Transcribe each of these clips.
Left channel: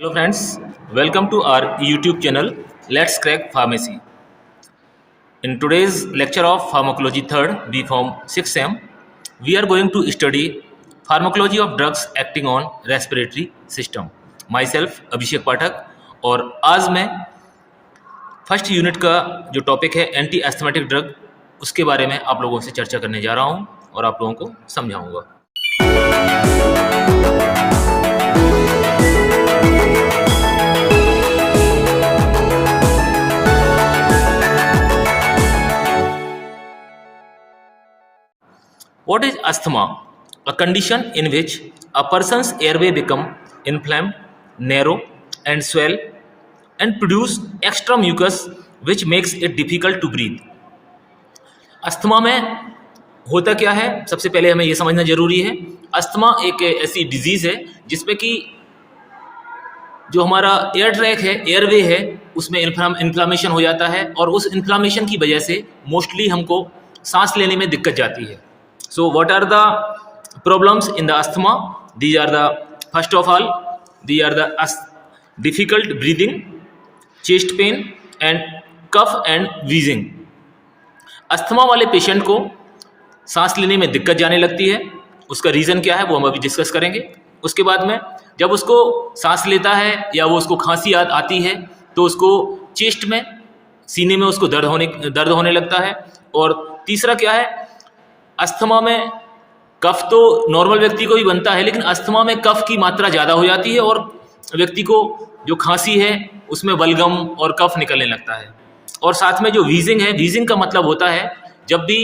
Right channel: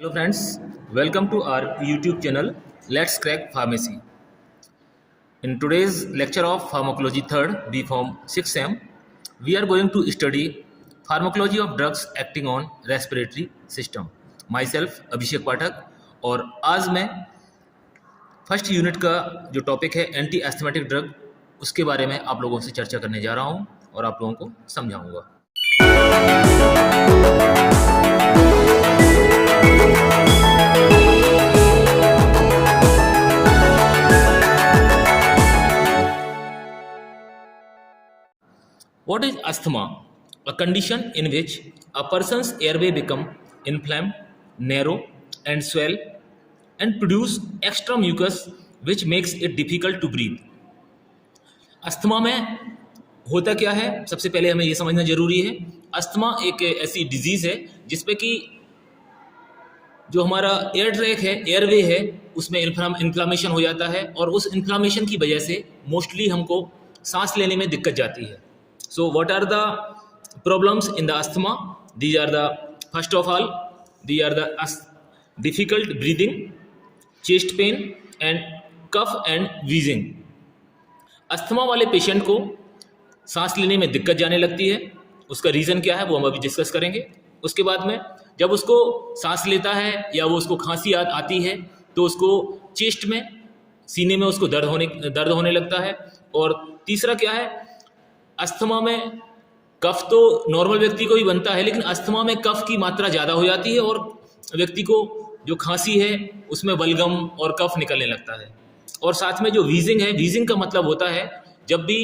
Hello friends, welcome to our YouTube channel Let's Crack Pharmacy. In today's lecture of Pharmacology 3rd B Form 6M, we are going to study Pharmacology of drugs acting on respiratory system. Myself अभिषेक पाठक और आज मैं first unit का जो topic है anti asthmatic drug उसके बारे में आप लोगों से चर्चा करने जा रहा हूं और आप लोगों को समझाऊंगा। What is asthma? A condition in which a person's airway become inflamed, narrow and swell and produce extra mucus which makes it difficult to breathe. Asthma में होता क्या है, सबसे पहले हमें यह समझना जरूरी है। अस्थमा एक ऐसी डिजीज है जिसमें कि जो हमारा एयर ट्रैक है, एयरवे है, उसमें इन्फ्लामेशन हो जाता है और उस इन्फ्लामेशन की वजह से मोस्टली हमको सांस लेने में दिक्कत जाती है। So what are the problems in the asthma? These are the first of all, these are the difficult breathing, chest pain and cough and wheezing. Asthma वाले पेशेंट को सांस लेने में दिक्कत जाने लगती है। उसका रीज़न क्या है वो हम अभी डिस्कस करेंगे। उसके बाद में जब उसको सांस लेता है या वो उसको खांसी आती है तो उसको चेस्ट में, सीने में उसको दर्द होने लगता है। और तीसरा क्या है, अस्थमा में कफ तो नॉर्मल व्यक्ति को भी बनता है, लेकिन अस्थमा में कफ की मात्रा ज़्यादा हो जाती है और व्यक्ति को जो खांसी है उसमें बलगम और कफ निकलने लगता है। और साथ में जो वीजिंग है, वीजिंग का मतलब होता है जब भी,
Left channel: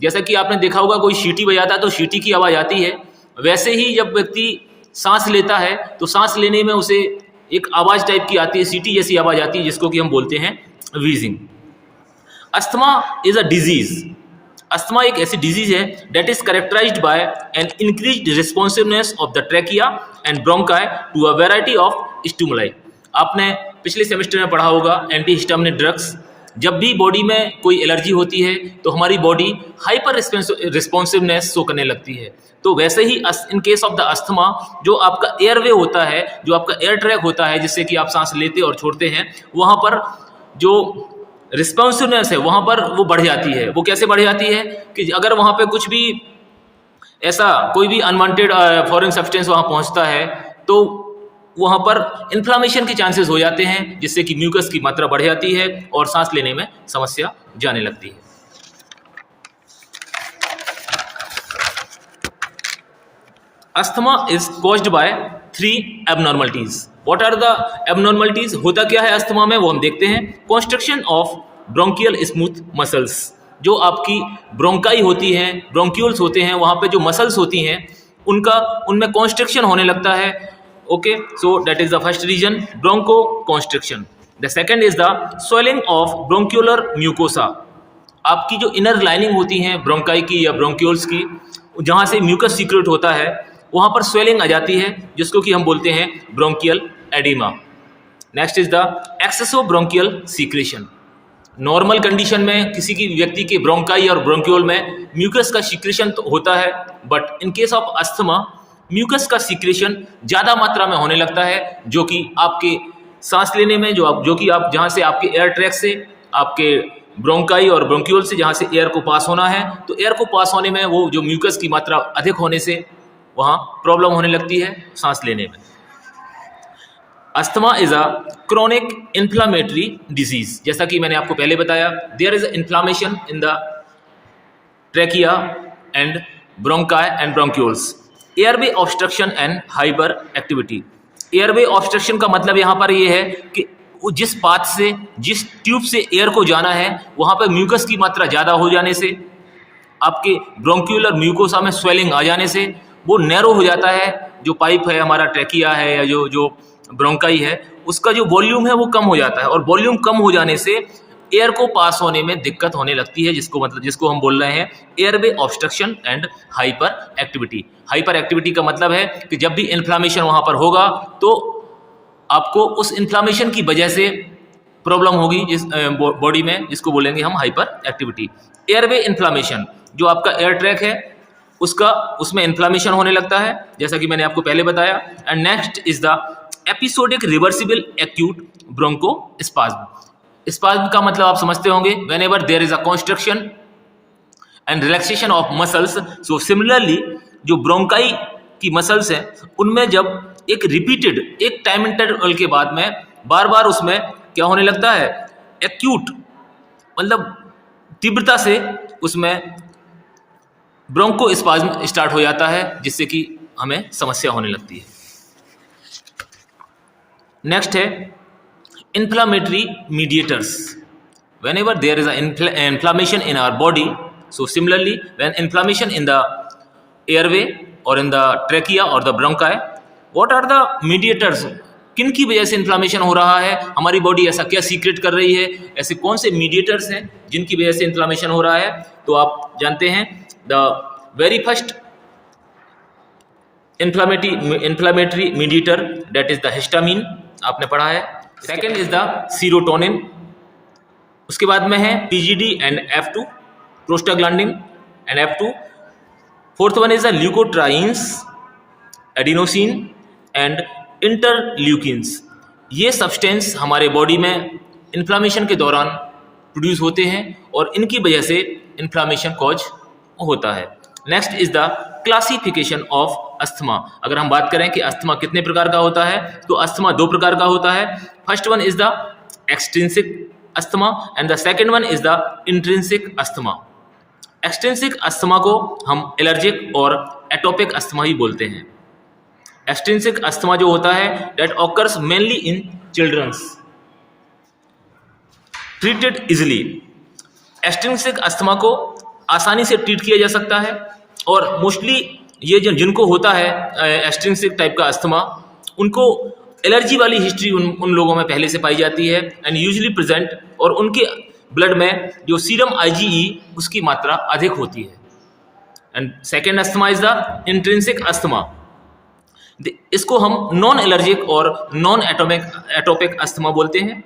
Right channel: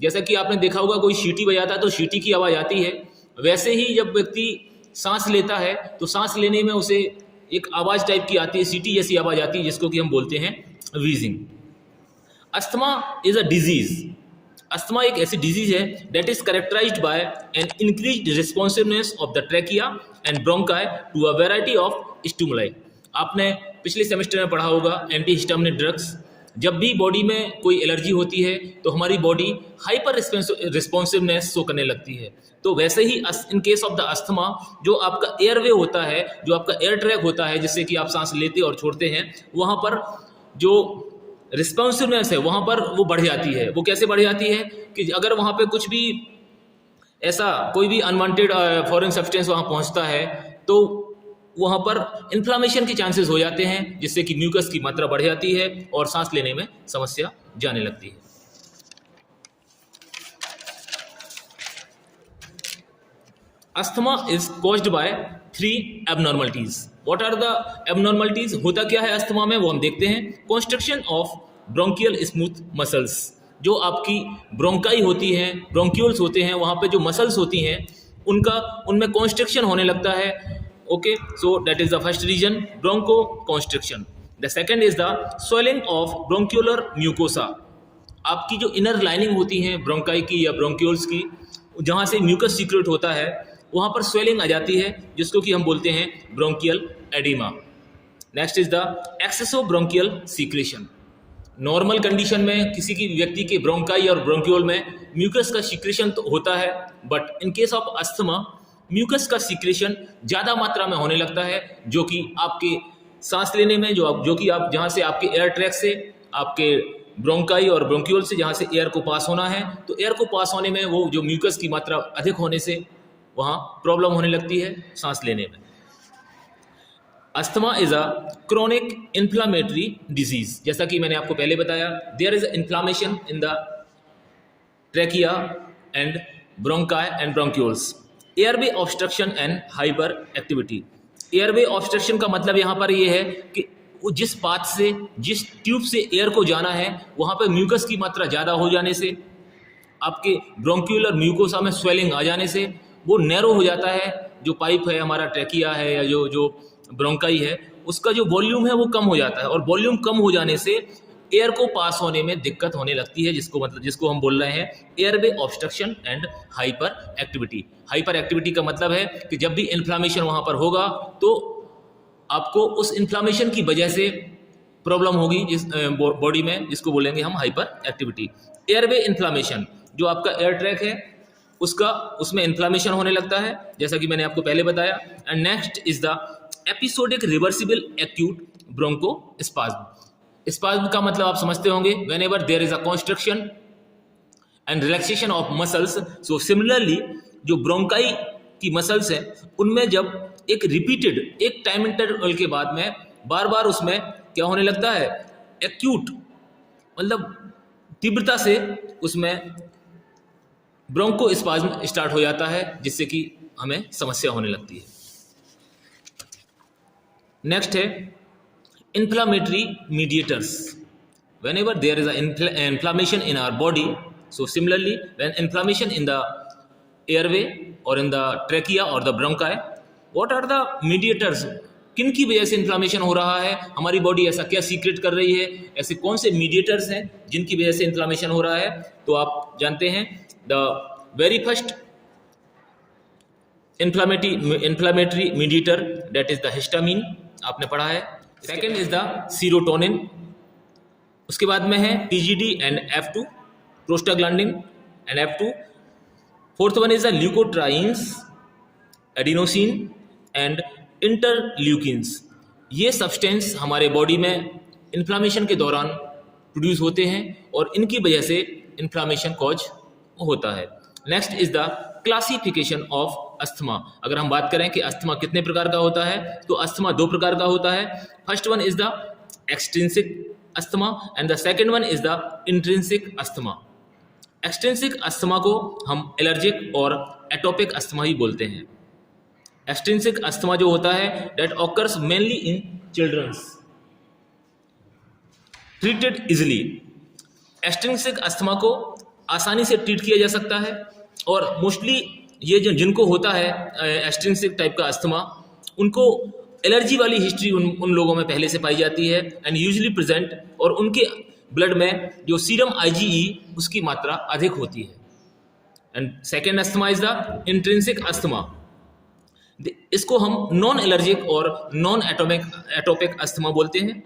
जैसा कि आपने देखा होगा कोई सीटी बजाता है तो सीटी की आवाज़ आती है, वैसे ही जब व्यक्ति सांस लेता है तो सांस लेने में उसे एक आवाज़ टाइप की आती है, सीटी जैसी आवाज़ आती है, जिसको कि हम बोलते हैं wheezing. Asthma is a disease. Asthma एक ऐसी डिजीज है that is characterised by an increased responsiveness of the trachea and bronchi to a variety of stimuli. आपने पिछले सेमेस्टर में पढ़ा होगा एंटी हिस्टामिनिक ड्रग्स। जब भी बॉडी में कोई एलर्जी होती है तो हमारी बॉडी हाइपर रिस्पॉन्सिवनेस शो करने लगती है। तो वैसे ही in case of the asthma जो आपका एयरवे होता है, जो आपका एयर ट्रैक होता है जिससे कि आप सांस लेते और छोड़ते हैं, वहाँ पर जो रिस्पॉन्सिवनेस है वहाँ पर वो बढ़ जाती है। वो कैसे बढ़ जाती है कि अगर वहाँ पे कुछ भी ऐसा कोई भी अनवांटेड फॉरेन सब्सटेंस वहाँ पहुँचता है तो वहाँ पर इन्फ्लामेशन के चांसेस हो जाते हैं, जिससे कि म्यूकस की मात्रा बढ़ जाती है और सांस लेने में समस्या जाने लगती है। Asthma is caused by 3 abnormalities. What are the abnormalities? होता क्या है अस्थमा में वो हम देखते हैं। Construction of bronchial smooth muscles, जो आपकी ब्रोंकाई होती हैं, ब्रोंक्यूल्स होते हैं, वहाँ पे जो मसल्स होती हैं उनमें कॉन्स्ट्रक्शन होने लगता है। Okay, so that is the first reason, broncho construction. The second is the swelling of bronchiolar mucosa. आपकी जो इनर लाइनिंग होती हैं ब्रोंकाई की या ब्रोंक्यूल्स की, जहाँ से म्यूकस सीक्रेट होता है वहाँ पर स्वेलिंग आ जाती है, जिसको कि हम बोलते हैं bronchial oedema. Next is the excessive bronchial secretion. Normal condition में किसी की व्यक्ति के ब्रोंकाई और ब्रोंक्यूल में म्यूकस का सीक्रेशन तो होता है, but in case of asthma mucus का सीक्रेशन ज़्यादा मात्रा में होने लगता है, जो कि आपके सांस लेने में जो कि आप जहाँ से आपके एयर ट्रैक से, आपके ब्रोंकाई और ब्रोंक्यूल से जहाँ से एयर को पास होना है, तो एयर को पास होने में वो जो म्यूकस की मात्रा अधिक होने से वहाँ प्रॉब्लम होने लगती है सांस लेने में। Asthma is a chronic inflammatory disease. जैसा कि मैंने आपको पहले बताया, there is inflammation in the trachea and bronchi and bronchioles. Airway obstruction and hyper activity. Airway obstruction का मतलब यहाँ पर ये है कि जिस पाथ से, जिस ट्यूब से एयर को जाना है, वहाँ पर म्यूकस की मात्रा ज़्यादा हो जाने से, आपके ब्रोंक्यूलर म्यूकोसा में स्वेलिंग आ जाने से वो नैरो हो जाता है। जो पाइप है हमारा ट्रैकिया है या जो ब्रोंकाई है, उसका जो वॉल्यूम है वो कम हो जाता है और वॉल्यूम कम हो जाने से एयर को पास होने में दिक्कत होने लगती है, जिसको हम बोल रहे हैं airway obstruction and hyper activity. Hyper activity का मतलब है कि जब भी इन्फ्लामेशन वहाँ पर होगा तो आपको उस इन्फ्लामेशन की वजह से प्रॉब्लम होगी इस बॉडी में, जिसको बोलेंगे हम हाइपर एक्टिविटी। एयरवे इन्फ्लामेशन, जो आपका एयर ट्रैक है उसमें इन्फ्लामेशन होने लगता है, जैसा कि मैंने आपको पहले बताया। And next is the episodic reversible acute bronchospasm. Spasm का मतलब आप समझते होंगे, whenever there is a construction and relaxation of muscles. So similarly जो ब्रोंकाई की मसल्स हैं उनमें जब एक रिपीटेड एक टाइम इंटरवल के बाद में बार बार उसमें क्या होने लगता है, एक्यूट मतलब तीव्रता से उसमें ब्रोंकोस्पाज्म स्टार्ट हो जाता है, जिससे कि हमें समस्या होने लगती है। नेक्स्ट है inflammatory mediators. whenever there is an inflammation in our body, so similarly when inflammation in the airway or in the trachea or the bronchi, what are the mediators, किन की वजह से इन्फ्लामेशन हो रहा है, हमारी बॉडी ऐसा क्या सीक्रेट कर रही है, ऐसे कौन से मीडिएटर्स हैं जिनकी वजह से इन्फ्लामेशन हो रहा है। तो आप जानते हैं the very first inflammatory mediator that is the histamine, आपने पढ़ा है। सेकेंड इज द सीरोटोनिन, उसके बाद में है TGD and F2 prostaglandin and F2। Fourth one is the leukotrienes, adenosine and interleukins. ये सब्सटेंस हमारे बॉडी में इन्फ्लामेशन के दौरान प्रोड्यूस होते हैं और इनकी वजह से इन्फ्लामेशन कॉज होता है। Next is the classification of asthma. अगर हम बात करें कि अस्थमा कितने प्रकार का होता है, तो अस्थमा दो प्रकार का होता है। First one is the extrinsic asthma and the second one is the intrinsic asthma. Extrinsic asthma को हम एलर्जिक और एटोपिक अस्थमा ही बोलते हैं। एक्सट्रिंसिक अस्थमा जो होता है that occurs mainly in childrens, treated easily. Extrinsic asthma को आसानी से ट्रीट किया जा सकता है और मोस्टली ये जिनको होता है एक्सट्रिंसिक टाइप का अस्थमा, उनको एलर्जी वाली हिस्ट्री उन लोगों में पहले से पाई जाती है एंड यूजुअली प्रेजेंट, और उनके ब्लड में जो सीरम IgE उसकी मात्रा अधिक होती है। And second asthma is the intrinsic asthma. इसको हम नॉन एलर्जिक और नॉन एटोपिक अस्थमा बोलते हैं।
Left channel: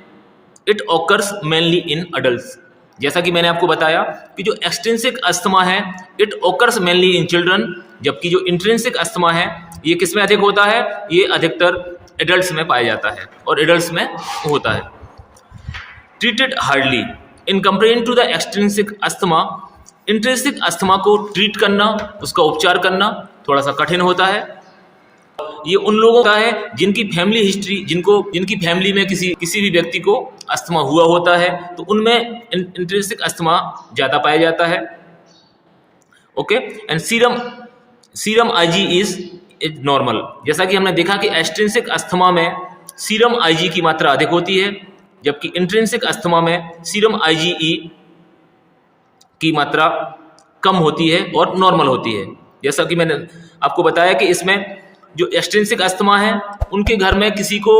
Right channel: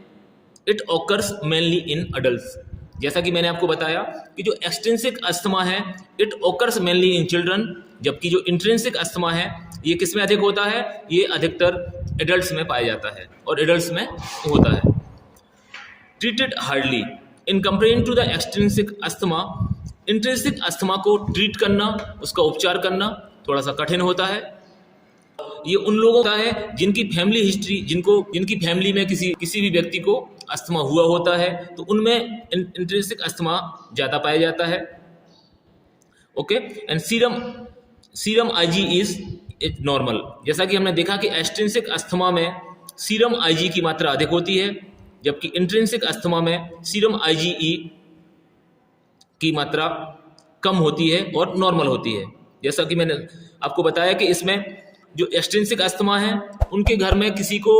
It occurs mainly in adults. जैसा कि मैंने आपको बताया कि जो एक्सट्रिंसिक अस्थमा है it occurs mainly in children, जबकि जो इंट्रिंसिक अस्थमा है ये किस में अधिक होता है, ये अधिकतर एडल्ट्स में पाया जाता है और एडल्ट्स में होता है। Treated hardly in comparison to the extrinsic asthma. Intrinsic asthma को ट्रीट करना, उसका उपचार करना थोड़ा सा कठिन होता है। ये उन लोगों का है जिनकी फैमिली हिस्ट्री, जिनकी फैमिली में किसी भी व्यक्ति को अस्थमा हुआ होता है, तो उनमें इंट्रिंसिक अस्थमा ज़्यादा पाया जाता है। Okay, and serum IgE is normal. जैसा कि हमने देखा कि एक्सट्रिंसिक अस्थमा में सीरम IgE की मात्रा अधिक होती है, जबकि इंट्रिंसिक अस्थमा में सीरम IgE की मात्रा कम होती है और नॉर्मल होती है। जैसा कि मैंने आपको बताया कि इसमें जो एक्सट्रिंसिक अस्थमा है उनके घर में किसी को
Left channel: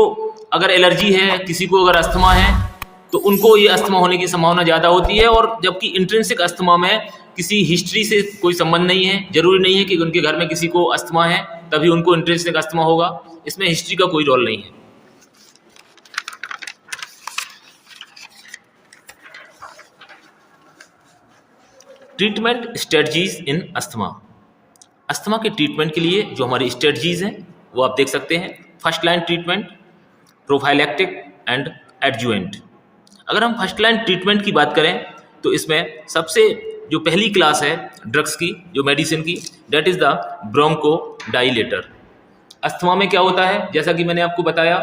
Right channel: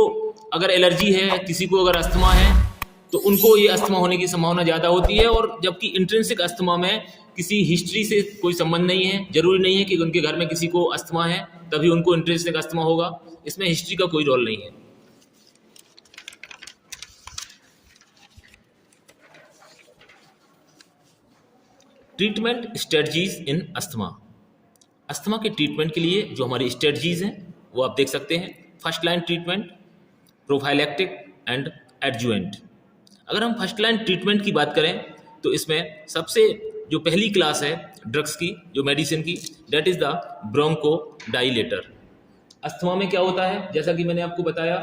अगर एलर्जी है, किसी को अगर अस्थमा है, तो उनको ये अस्थमा होने की संभावना ज़्यादा होती है। और जबकि इंट्रिंसिक अस्थमा में किसी हिस्ट्री से कोई संबंध नहीं है, जरूरी नहीं है कि उनके घर में किसी को अस्थमा है तभी उनको इंट्रिंसिक अस्थमा होगा, इसमें हिस्ट्री का कोई रोल नहीं है। ट्रीटमेंट स्ट्रेटजीज इन अस्थमा। अस्थमा के ट्रीटमेंट के लिए जो हमारी स्ट्रेटजीज हैं वो आप देख सकते हैं। First line treatment, prophylactic and adjuvant. अगर हम फर्स्ट लाइन ट्रीटमेंट की बात करें तो इसमें सबसे जो पहली क्लास है ड्रग्स की, जो मेडिसिन की, that is the bronchodilator. Asthma में क्या होता है, जैसा कि मैंने आपको बताया,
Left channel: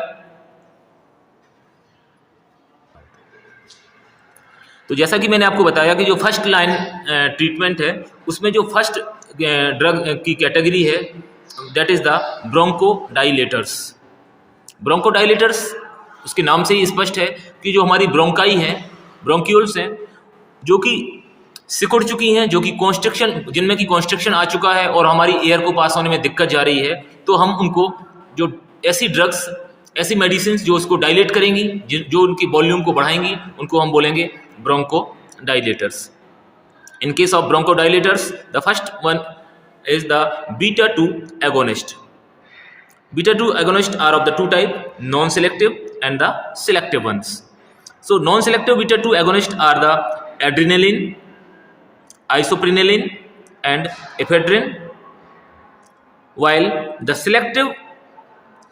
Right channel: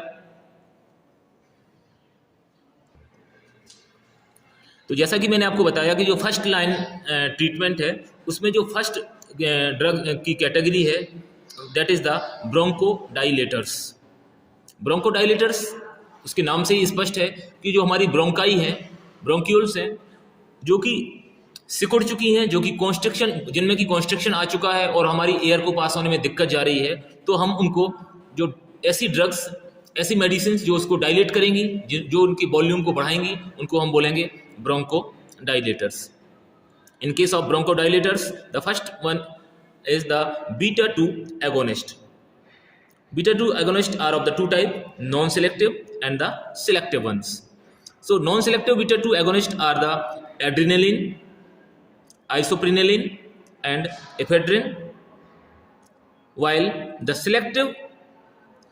तो जैसा कि मैंने आपको बताया कि जो फर्स्ट लाइन ट्रीटमेंट है उसमें जो फर्स्ट ड्रग की कैटेगरी है that is the bronchodilators. Bronchodilators उसके नाम से ही स्पष्ट है कि जो हमारी ब्रोंकाई हैं, ब्रोंक्यूल्स हैं, जो कि सिकुड़ चुकी हैं, जो कि कॉन्स्ट्रिक्शन, जिनमें की कॉन्स्ट्रिक्शन आ चुका है और हमारी एयर को पास होने में दिक्कत जा रही है, तो हम उनको जो ऐसी ड्रग्स, ऐसी मेडिसिन जो उसको डायलेट करेंगी, जो उनकी वॉल्यूम को बढ़ाएंगी, उनको हम बोलेंगे bronchodilators. In case of bronchodilators, the first one is the beta-2 agonist. Beta-2 agonists are of the two type, non-selective and the selective ones. So non-selective beta-2 agonists are the adrenaline, isoprenaline and ephedrine, while the selective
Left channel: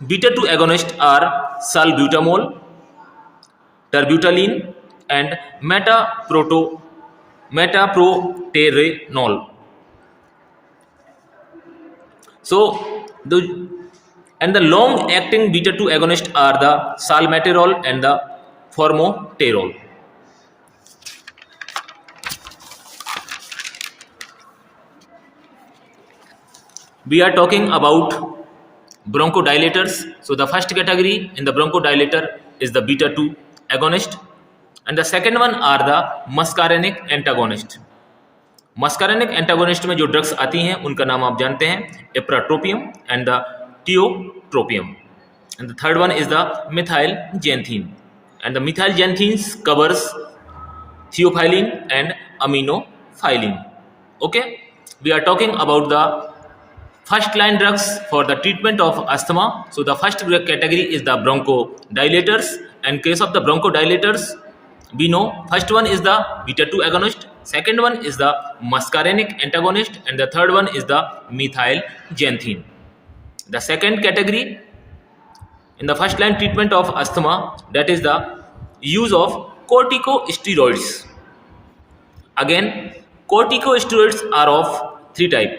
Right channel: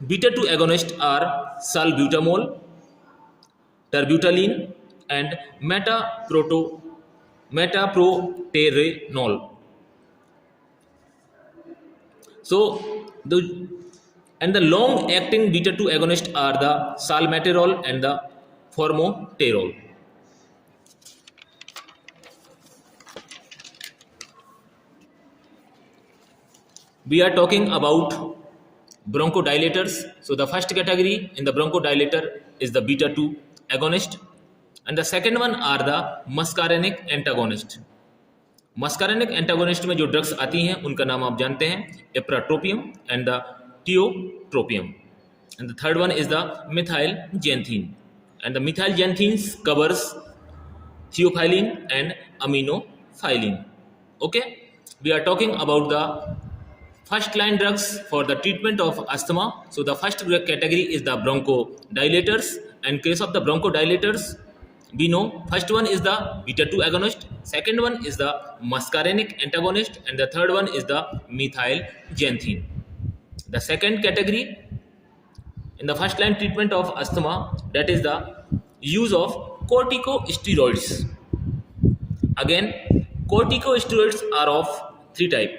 Beta 2 agonists are salbutamol, terbutaline, and metaproterenol. So the long acting beta 2 agonists are the salmeterol and the formoterol. We are talking about bronchodilators. So the first category in the bronchodilator is the beta 2 agonist, and the second one are the muscarinic antagonist. Muscarinic antagonist में जो drugs आती हैं उनका नाम आप जानते हैं, ipratropium and the tiotropium, and the third one is the methyl xanthine, and the methyl xanthines covers theophylline and aminophylline. Okay, we are talking about the first line drugs for the treatment of asthma. So the first category is the bronchodilators. In case of the bronchodilators, we know first one is the beta 2 agonist, second one is the muscarinic antagonist, and the third one is the methyl xanthine. The second category in the first line treatment of asthma, that is the use of corticosteroids. Again, corticosteroids are of three type.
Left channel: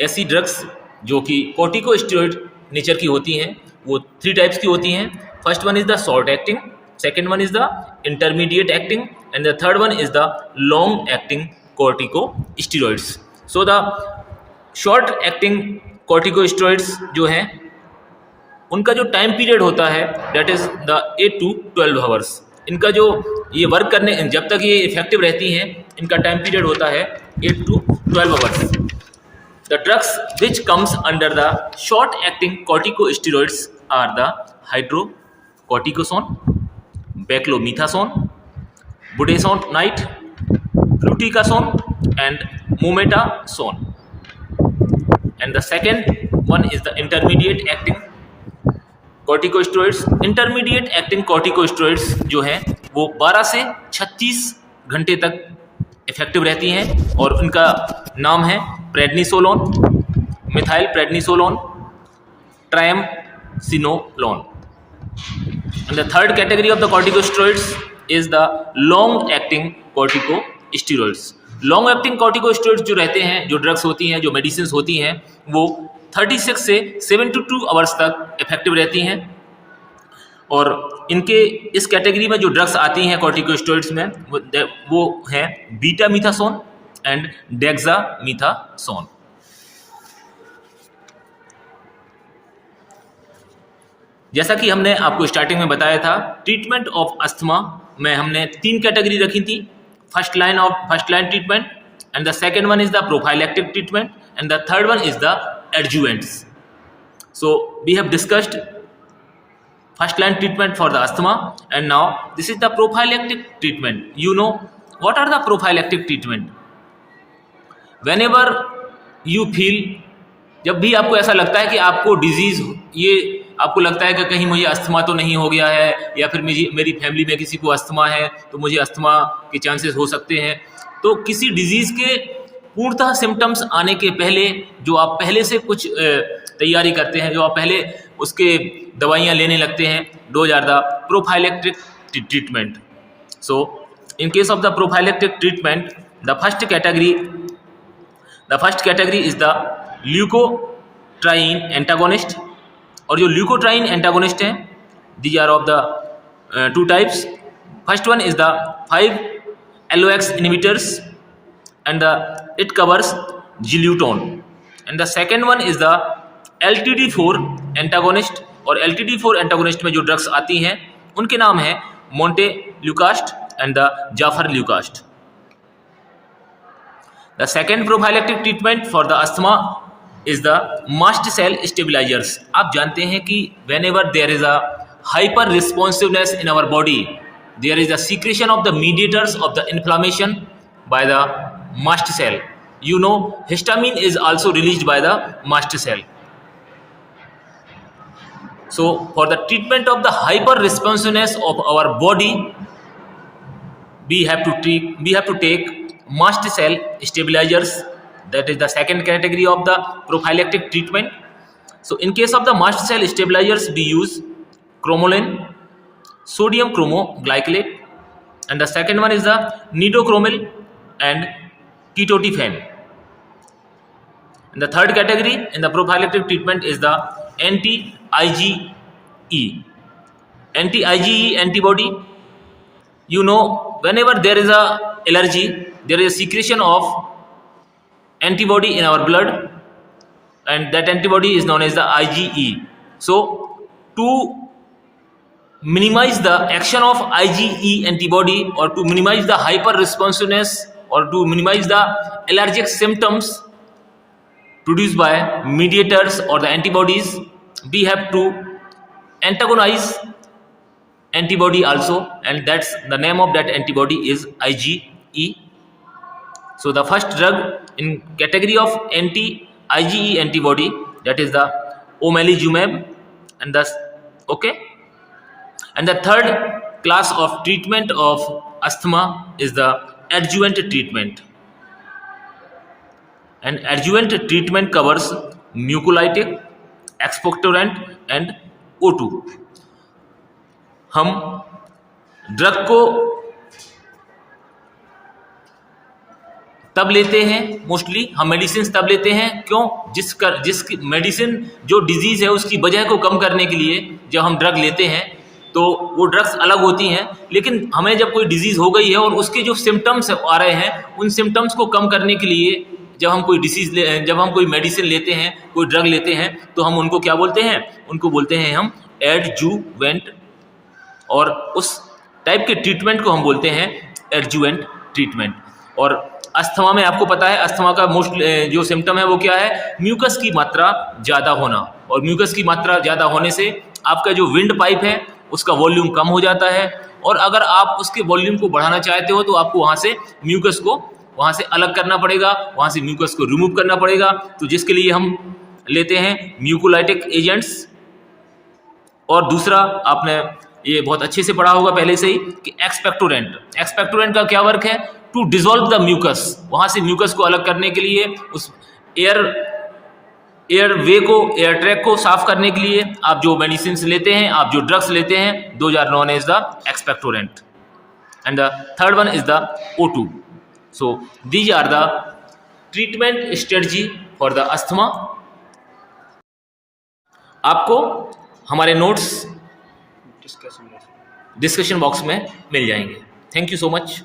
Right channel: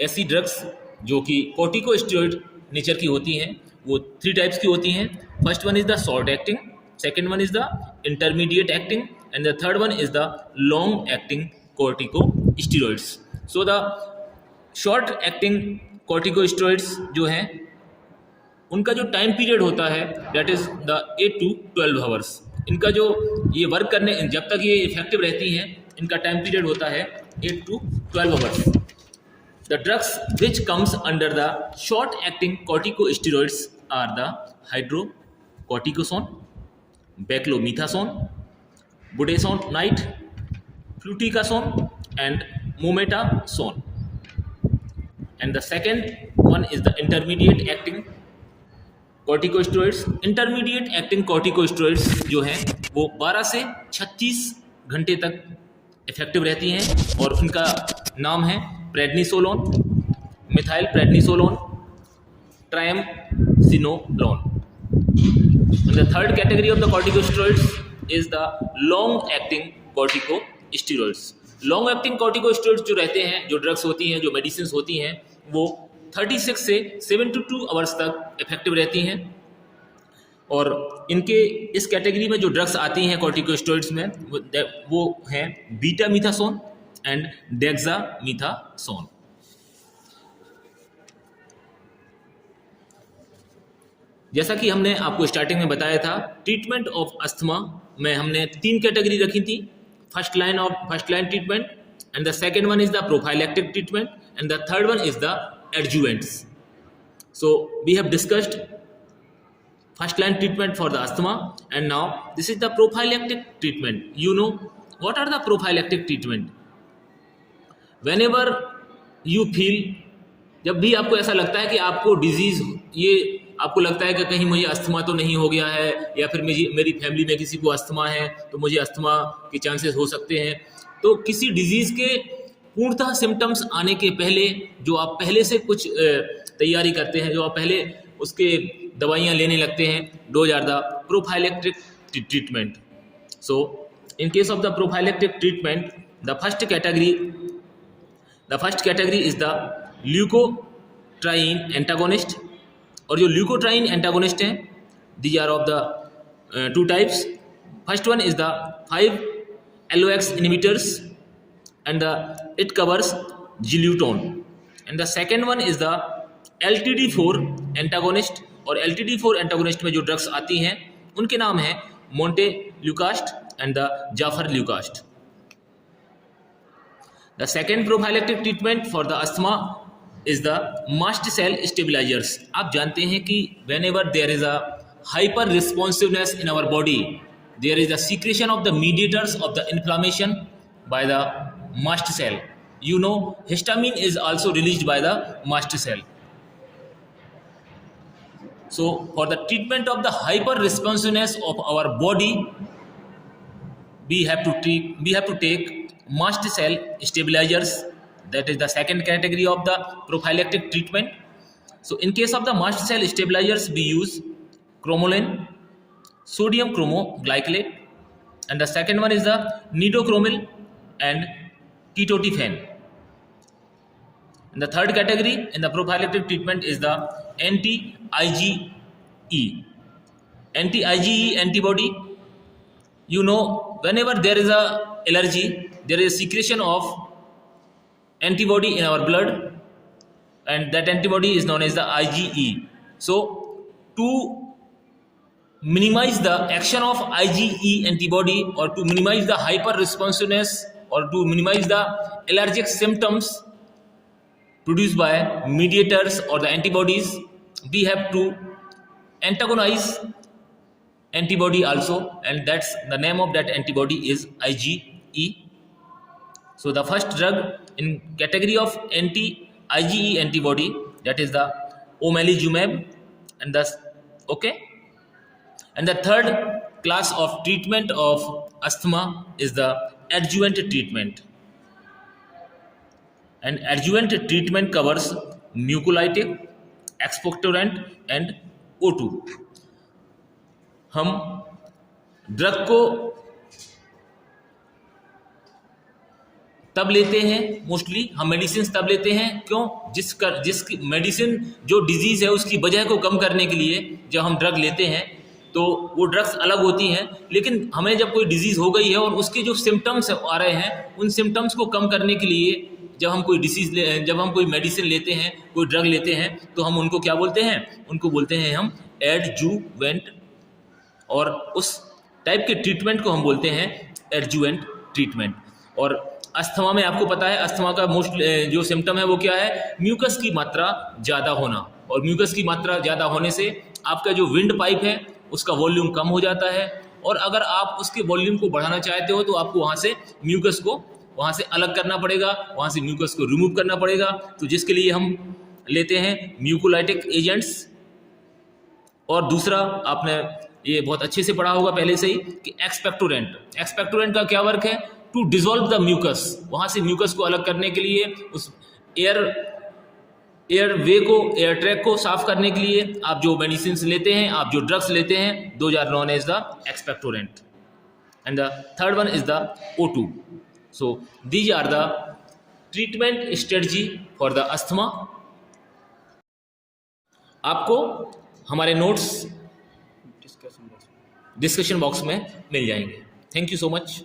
ऐसी drugs जो कि corticosteroid nature की होती हैं वो three types की होती हैं. First one is the short acting, second one is the intermediate acting, and the third one is the long acting corticosteroids. So the short acting corticosteroids जो हैं उनका जो टाइम पीरियड होता है that is the 8 to 12 hours. इनका जो ये work करने जब तक ये इफेक्टिव रहती हैं इनका टाइम पीरियड होता है 8 to 12 hours. The drugs which comes under the short-acting corticosteroids are the hydrocortisone, beclomethasone, budesonide, fluticasone, and mometasone. And the second one is the intermediate acting corticosteroids. Intermediate acting corticosteroids जो हैं वो 12 से 36 घंटे तक effective रहती हैं और उनका नाम है prednisolone, methyl prednisolone, triamcinolone. And the third category of the corticosteroids is the long acting corticosteroids. Long acting corticosteroids जो रहते हैं, जो ड्रग्स होती हैं, जो मेडिसिन होती हैं, वो 36 से 72 आवर्स तक इफेक्टिव रहती हैं. और इनके इस कैटेगरी में जो ड्रग्स आती हैं कॉर्टिकोस्टेरॉइड्स में वो हैं बीटामीथासोन एंड डेक्सामीथासोन. जैसा कि हमने आपको स्टार्टिंग में बताया था, ट्रीटमेंट ऑफ अस्थमा में हमने 3 कैटेगरी रखी थी. First line treatment, and the second one is the prophylactic treatment, and the third one is the adjuvants. So we have discussed first line treatment for the asthma, and now this is the prophylactic treatment. You know what are the prophylactic treatment? Whenever you feel, जब भी आपको ऐसा लगता है कि आपको disease, ये आपको लगता है कि कहीं मुझे अस्थमा तो नहीं हो गया है, या फिर मेरी फैमिली में किसी को अस्थमा है तो मुझे अस्थमा के चांसेस हो सकते हैं. तो किसी डिजीज के पूर्णतः सिम्टम्स आने के पहले जो आप पहले से कुछ तैयारी करते हैं, जो आप पहले उसके दवाइयाँ लेने लगते हैं, those are the prophylactic treatment. So in case of the prophylactic treatment, the first category is the leukotriene antagonist. और जो leukotriene antagonist हैं, these are of the 2 types. First one is the 5-LOX inhibitors, and it covers Zileuton. And the second one is the LTD4 antagonist. और LTD4 antagonist में जो drugs आती हैं उनके नाम है montelukast and the zafirlukast. The second prophylactic treatment for the asthma is the mast cell stabilisers. आप जानते हैं कि whenever there is a hyper responsiveness in our body, there is the secretion of the mediators of the inflammation by the mast cell. You know, histamine is also released by the mast cell. So for the treatment of the hyper responsiveness of our body, we have to take mast cell stabilizers. That is the second category of the prophylactic treatment. So in case of the mast cell stabilizers, we use cromolyn, sodium chromoglycolate, and the second one is the nitochromyl and ketotifen. And the third category in the prophylactic treatment is the anti-IgE. Anti-IgE antibody, you know, whenever there is a allergy, there is a secretion of antibody in our blood, and that antibody is known as the IgE. So to minimize the action of IgE antibody, or to minimize the hyper responsiveness, or to minimize the allergic symptoms produced by mediators or the antibodies, we have to antagonize antibody also, and that's the name of that antibody is IgE. So the first drug in category of anti-IgE antibody, that is the omalizumab, and thus and the third class of treatment of asthma is the adjuvant treatment. And adjuvant treatment covers mucolytic, expectorant and O2. हम drug को तब लेते हैं, mostly हम medicine तब लेते हैं, क्यों? जिसकी मेडिसिन जो डिजीज है उसकी वजह को कम करने के लिए जब हम ड्रग लेते हैं तो वो ड्रग्स अलग होती हैं, लेकिन हमें जब कोई डिजीज हो गई है और उसके जो सिम्टम्स आ रहे हैं उन सिम्टम्स को कम करने के लिए जब हम कोई मेडिसिन लेते हैं, कोई ड्रग लेते हैं, तो हम उनको क्या बोलते हैं? उनको बोलते हैं हम एडजुवेंट, और उस टाइप के ट्रीटमेंट को हम बोलते हैं एडजुवेंट ट्रीटमेंट। और अस्थमा में आपको पता है अस्थमा का मोस्ट जो सिम्टम है वो क्या है? म्यूकस की मात्रा ज़्यादा होना, और म्यूकस की मात्रा ज़्यादा होने से आपका जो विंड पाइप है उसका वॉल्यूम कम हो जाता है, और अगर आप उसके वॉल्यूम को बढ़ाना चाहते हो तो आपको वहाँ से म्यूकस को वहाँ से अलग करना पड़ेगा, वहाँ से म्यूकस को रिमूव करना पड़ेगा। तो जिसके लिए हम लेते हैं म्यूकोलाइटिक एजेंट्स। और दूसरा आपने ये बहुत अच्छे से पढ़ा होगा पहले से ही कि एक्सपेक्टोरेंट का क्या वर्क है? टू डिसॉल्व द म्यूकस, वहाँ से म्यूकस को अलग करने के लिए, उस एयर वे को, एयर ट्रैक को साफ करने के लिए आप जो मेडिसिन लेते हैं, आप जो ड्रग्स लेते हैं, those are known as the expectorant. And the third one is the O2. So these are the treatment strategy for the asthma. आपको हमारे नोट्स डिस्कशन बॉक्स में मिल जाएंगे। Thank you so much.